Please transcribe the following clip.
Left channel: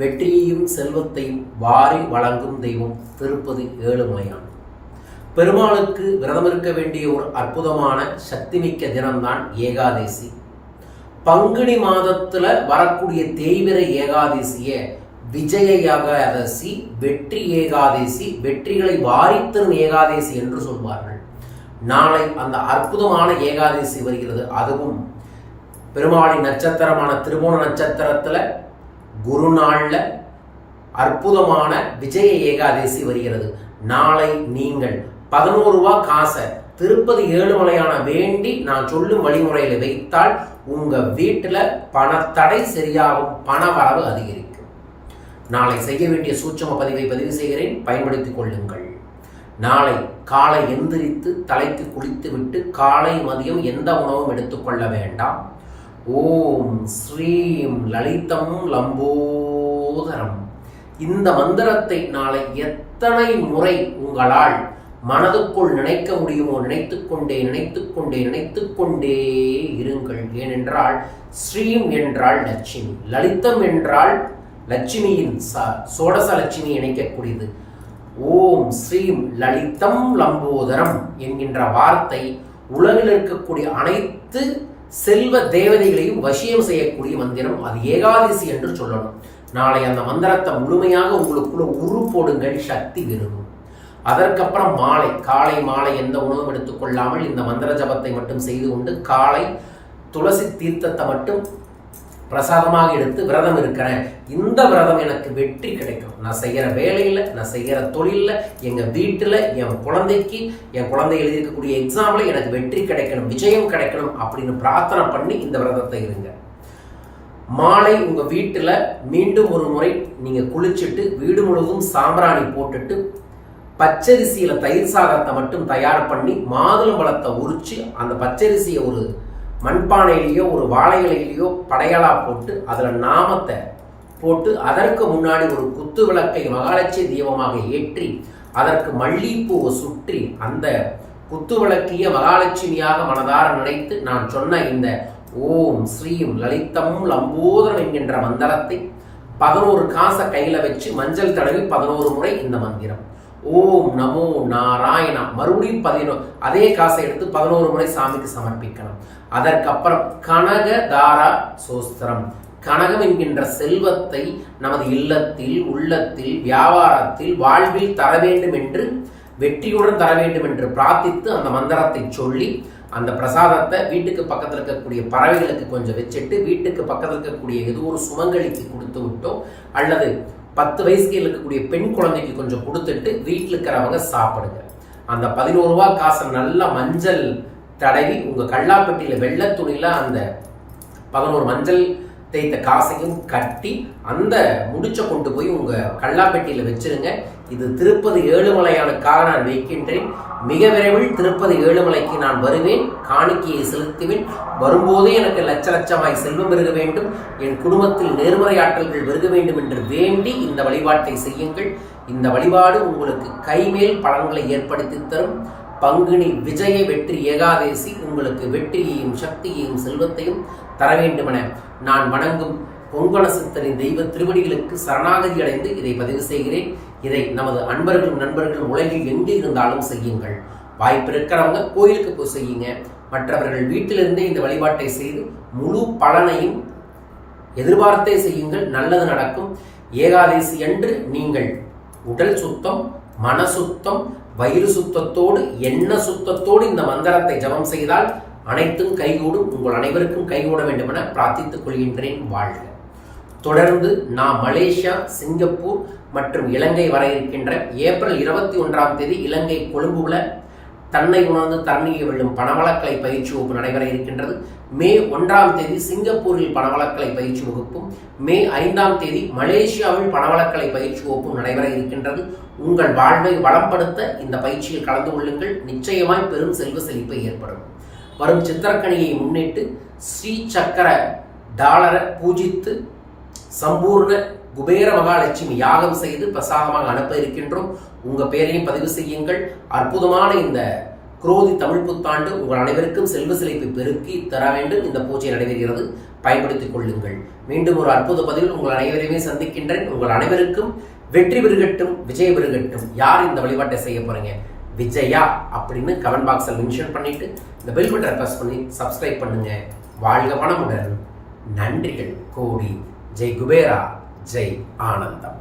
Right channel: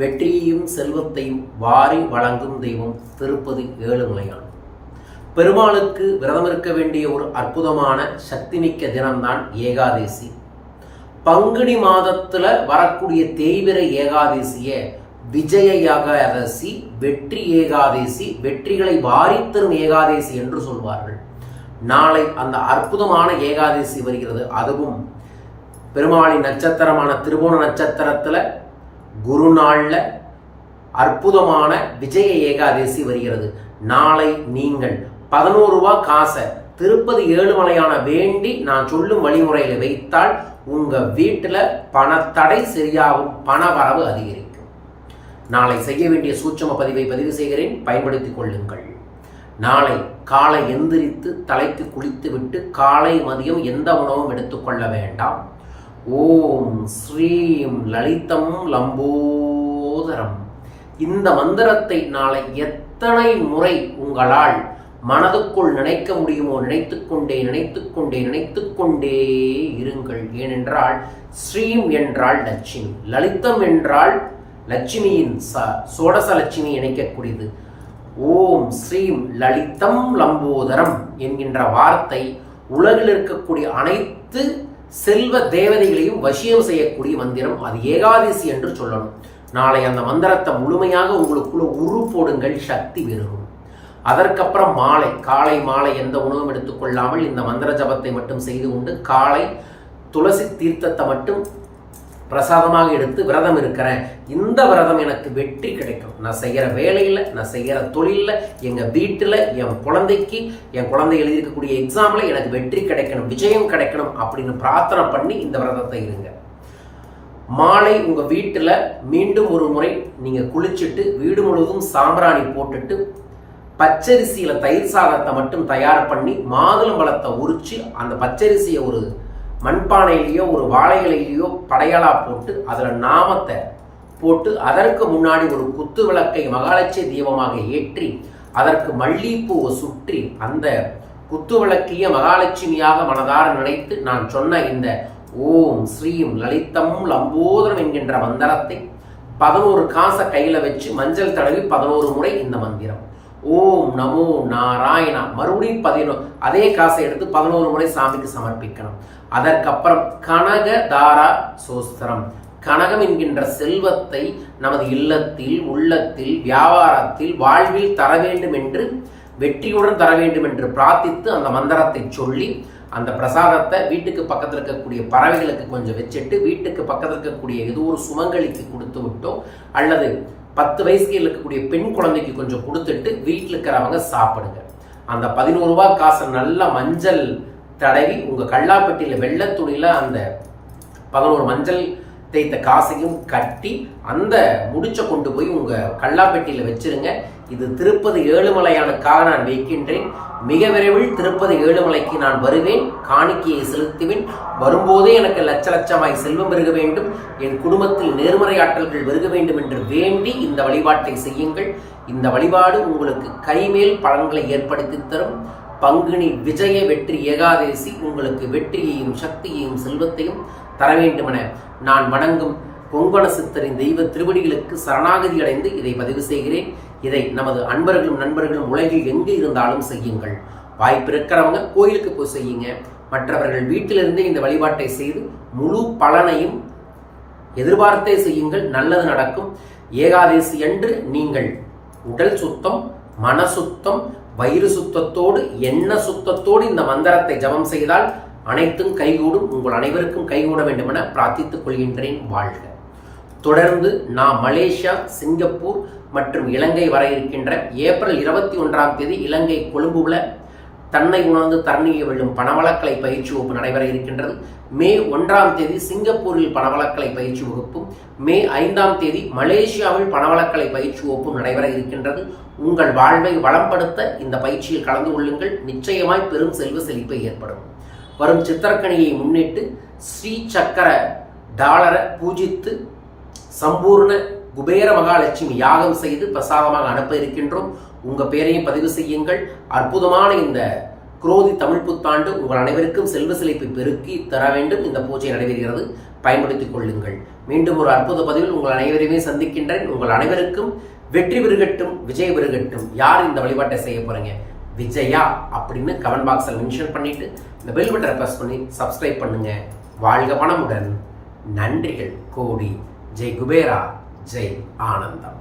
வெற்றியையும் செல்வத்தையும் வாரி வழங்கும் தெய்வம் திருப்பதி ஏழுமலையான். பெருமாளுக்கு விரதம் இருக்க வேண்டிய ஒரு அற்புதமான சக்திமிக்க தினம்தான் ஏகாதேசி. பங்குனி மாதத்துல வரக்கூடிய தேய்பிறை ஏகாதேசிய விஜய ஏகாதசி, வெற்றி ஏகாதேசி, வெற்றிகளை வாரித்தரும் ஏகாதேசி என்று சொல்வார்கள். நாளை அந்த அற்புதமான ஏகாதேசி வருகிறது. அதுவும் பெருமாளின் நட்சத்திரமான திருவோண நட்சத்திரத்துல குரு நாள்ல அற்புதமான விஜய ஏகாதேசி வருகிறது. நாளை நீங்கள் 11 ரூபாய் காசை திருப்பதி ஏழுமலையான வேண்டி நான் சொல்லும் வழிமுறையில வைத்தால் உங்க வீட்டுல பணத்தடை சரியாகும், பண வரவு அதிகரிக்கும். நாளை செய்ய வேண்டிய சூட்சம பதிவை பதிவு செய்கிறேன், பயன்படுத்திக் கொள்ளுங்கள். நாளை காலை எந்திரித்து தலைக்கு குளித்து விட்டு காலை மதியம் எந்த உணவும் எடுத்துக்கொள்ள வேண்டாம். ஓம் ஸ்ரீம் லலிதம் லம்போதரம் இந்த மந்திரத்தை நாளை எத்தனை முறை உங்களால் மனதுக்குள் நினைக்க முடியுமோ நினைத்துக்கொண்டே இருங்கள். ஏனென்றால் ஸ்ரீம் என்றால் லட்சுமி, லலிதம் என்றால் லட்சுமியின் சோடச லட்சுமி இணைக்கக்கூடியது. ஓம் ஸ்ரீம் லலிதம் லம்போதரம் என்கின்ற வார்த்தை உலகில் இருக்கக்கூடிய அனைத்து செல்வ தேவதைகளையும் வசியம் செய்யக்கூடிய மந்திரம். அது ஏகாதசி என்று சொல்லணும். நாளை அந்த மந்திரத்தை முழுமையாக உங்களுக்குள்ள உரு போடுங்கள், சக்தி பெறும். அதற்கப்புறம் காலை மாலை எந்த உணவும் எடுத்துக்கொள்ளாமல் இந்த மந்திர ஜபத்தை மட்டும் செய்து கொண்டு காலை துளசி தீர்த்தத்தை மட்டும் பிரசாதமாக எடுத்து விரதம் இருக்கிறேன். இந்த விரதம் எனக்கு வெற்றி கிடைக்கும். நான் செய்கிற வேலையில், நான் செய்கிற தொழிலில், எங்கள் வீட்டில், என் குழந்தை எழுதியிருக்கக்கூடிய எக்ஸாமில் எனக்கு வெற்றி கிடைக்கணும், விஜயம் கிடைக்கணும் அப்படின்னு பிரார்த்தனை பண்ணி இந்த விரதத்தை இருங்க. மாலை உங்கள் வீட்டில் மீண்டும் ஒரு முறை நீங்கள் குளிச்சுட்டு வீடு முழுவதும் சாம்பிராணி போட்டுட்டு பச்சரிசியில் தயிர் சாதத்தை மட்டும் தயார் பண்ணி மாதுளம்பழத்தை உரிச்சு அந்த பச்சரிசியை ஒரு மண்பானையிலேயோ ஒரு வாழையிலேயோ படையாளா போட்டு அதில் நாமத்தை போட்டு அதற்கு முன்னாடி ஒரு குத்து விளக்கை மகாலட்சுமி தீபமாக ஏற்றி அதற்கு மல்லிப்பூவை சுற்றி அந்த குத்து விளக்கிய மகாலட்சுமியாக மனதார நினைத்து நான் சொன்ன இந்த ஓம் ஸ்ரீம் லலிதம் லம்போதரம் என்கின்ற மந்திரத்தை 11 காசை கையில வச்சு மஞ்சள் தடவி 11 முறை இந்த மந்திரம் ஓம் நமோ நாராயணா மறுபடியும் 11 அதே காசை எடுத்து 11 முறை சாமிக்கு சமர்ப்பிக்கணும். அதற்கப்புறம் கனகதாரா சோஸ்திரம், கனகம் என்கின்ற செல்வத்தை நமது இல்லத்தில், உள்ளத்தில், வியாபாரத்தில், வாழ்வில் தர வேண்டும் என்று, வெற்றியுடன் தர வேண்டும் என்று பிரார்த்தித்து அந்த மந்திரத்தை சொல்லி அந்த பிரசாதத்தை வீட்டுக்கு பக்கத்தில் இருக்கக்கூடிய பறவைகளுக்கு கொஞ்சம் வச்சுட்டு வீட்டுக்கு பக்கத்தில் இருக்கக்கூடிய ஏதோ ஒரு சுமங்கலிக்கு கொடுத்து விட்டோம், அல்லது 10 வயசுக்கு இருக்கக்கூடிய பெண் குழந்தைக்கு கொஞ்சம் கொடுத்துட்டு வீட்டில் இருக்கிறவங்க சாப்பிடுங்க. அந்த 11 ரூபாய் காசை நல்லா மஞ்சள் தடவி உங்க கல்லாப்பட்டியில வெள்ளை துணியில அந்த 11 மஞ்சள் தேய்த்த காசையும் கட்டி அந்த முடிச்ச கொண்டு போய் உங்க கல்லாப்பட்டியில வச்சிருங்க. இது திருப்பதி ஏழுமலையானுக்காக நான் வைக்கின்றேன். மிக விரைவில் திருப்பதி ஏழுமலைக்கு நான் வருவேன், காணிக்கையை செலுத்துவேன். வரும்போதே எனக்கு லட்சமாய் செல்வம் பெருக வேண்டும், என் குடும்பத்தில் நேர்மறை ஆற்றல்கள் பெருக வேண்டும் என்று வேண்டி இந்த வழிபாட்டை செய்யுங்கள். இந்த வழிபாடு உங்களுக்கு கைமேல் பலன்களை ஏற்படுத்தி தரும். பங்குனி விஜய வெற்றி ஏகாதேசி உங்களுக்கு வெற்றியையும் சக்தியையும் செல்வத்தையும் தர வேண்டுமென நான் வணங்கும் கொங்கண சித்தரின் தெய்வ திருவடிகளுக்கு சரணாகதி அடைந்து இதை பதிவு செய்கிறேன். இதை நமது அன்பர்களும் நண்பர்களும் உலகில் எங்கே இருந்தாலும் செய்யுங்கள். வாய்ப்பு இருக்கிறவங்க கோயிலுக்கு போய் செய்யுங்க. மற்றவர்கள் வீட்டிலிருந்தே இந்த வழிபாட்டை செய்து முழு பலனையும் எதிர்பார்த்தே செய்யுங்கள். நல்லது நடக்கும். ஏகாதேசி அன்று நீங்கள் உடல் சுத்தம், மன சுத்தம், வயிறு சுத்தத்தோடு, எண்ண சுத்தத்தோடு இந்த மந்திரத்தை ஜபம் செய்தால் அனைத்தும் கைகூடும். உங்கள் அனைவருக்கும் கைகூட வேண்டும் என பிரார்த்தித்துக் கொள்கின்றேன். வாழ்க. தொடர்ந்து நான் மலேசியா, சிங்கப்பூர் மற்றும் இலங்கை வர இருக்கின்ற ஏப்ரல் 21ஆம் தேதி இலங்கை கொழும்புல தன்னை உணர்ந்து தரணியை வெல்லும் பணவளக்கலை பயிற்சி வகுப்பு நடைபெற இருக்கின்றது. மே 1ஆம் தேதி சிங்கப்பூரில் பணவளக்கலை பயிற்சி வகுப்பும், மே 5ஆம் தேதி மலேசியாவில் பணவளக்கலை பயிற்சி வகுப்பும் நடைபெற இருக்கின்றது. உங்கள் வாழ்வை வளம்படுத்த இந்த பயிற்சியில் கலந்து கொள்ளுங்கள். நிச்சயமாய் பெரும் செல்வ செழிப்பு ஏற்படும். வரும் சித்திரக்கணியை முன்னிட்டு ஸ்ரீ சக்கர டாலரை பூஜித்து சம்பூர்ண குபேர மகாலட்சுமி யாகம் செய்து பிரசாதமாக அனுப்ப இருக்கின்றோம். உங்க பெயரையும் பதிவு செய்யுங்கள். அற்புதமான இந்த குரோதி தமிழ் புத்தாண்டு உங்கள் அனைவருக்கும் செல்வ செழிப்பை பெருக்கி தர வேண்டும். இந்த பூஜை நடைபெறுகிறது, பயன்படுத்திக் கொள்ளுங்கள். மீண்டும் ஒரு அற்புத பதிவில் உங்கள் அனைவரையுமே சந்திக்கின்றேன். உங்கள் அனைவருக்கும் வெற்றி பெருகட்டும், விஜய் பெருகட்டும். யார் இந்த வழிபாட்டை செய்ய போறீங்க? விஜயா அப்படின்னு கமெண்ட் பாக்ஸில் மென்ஷன் பண்ணிட்டு இந்த பெல் பட்டனை பிரஸ் பண்ணி சப்ஸ்கிரைப் பண்ணுங்க. வாழ்க வளமுடன். நன்றிகள் கோடி. ஜெய் குபேரா, ஜெய் ஆனந்தம்.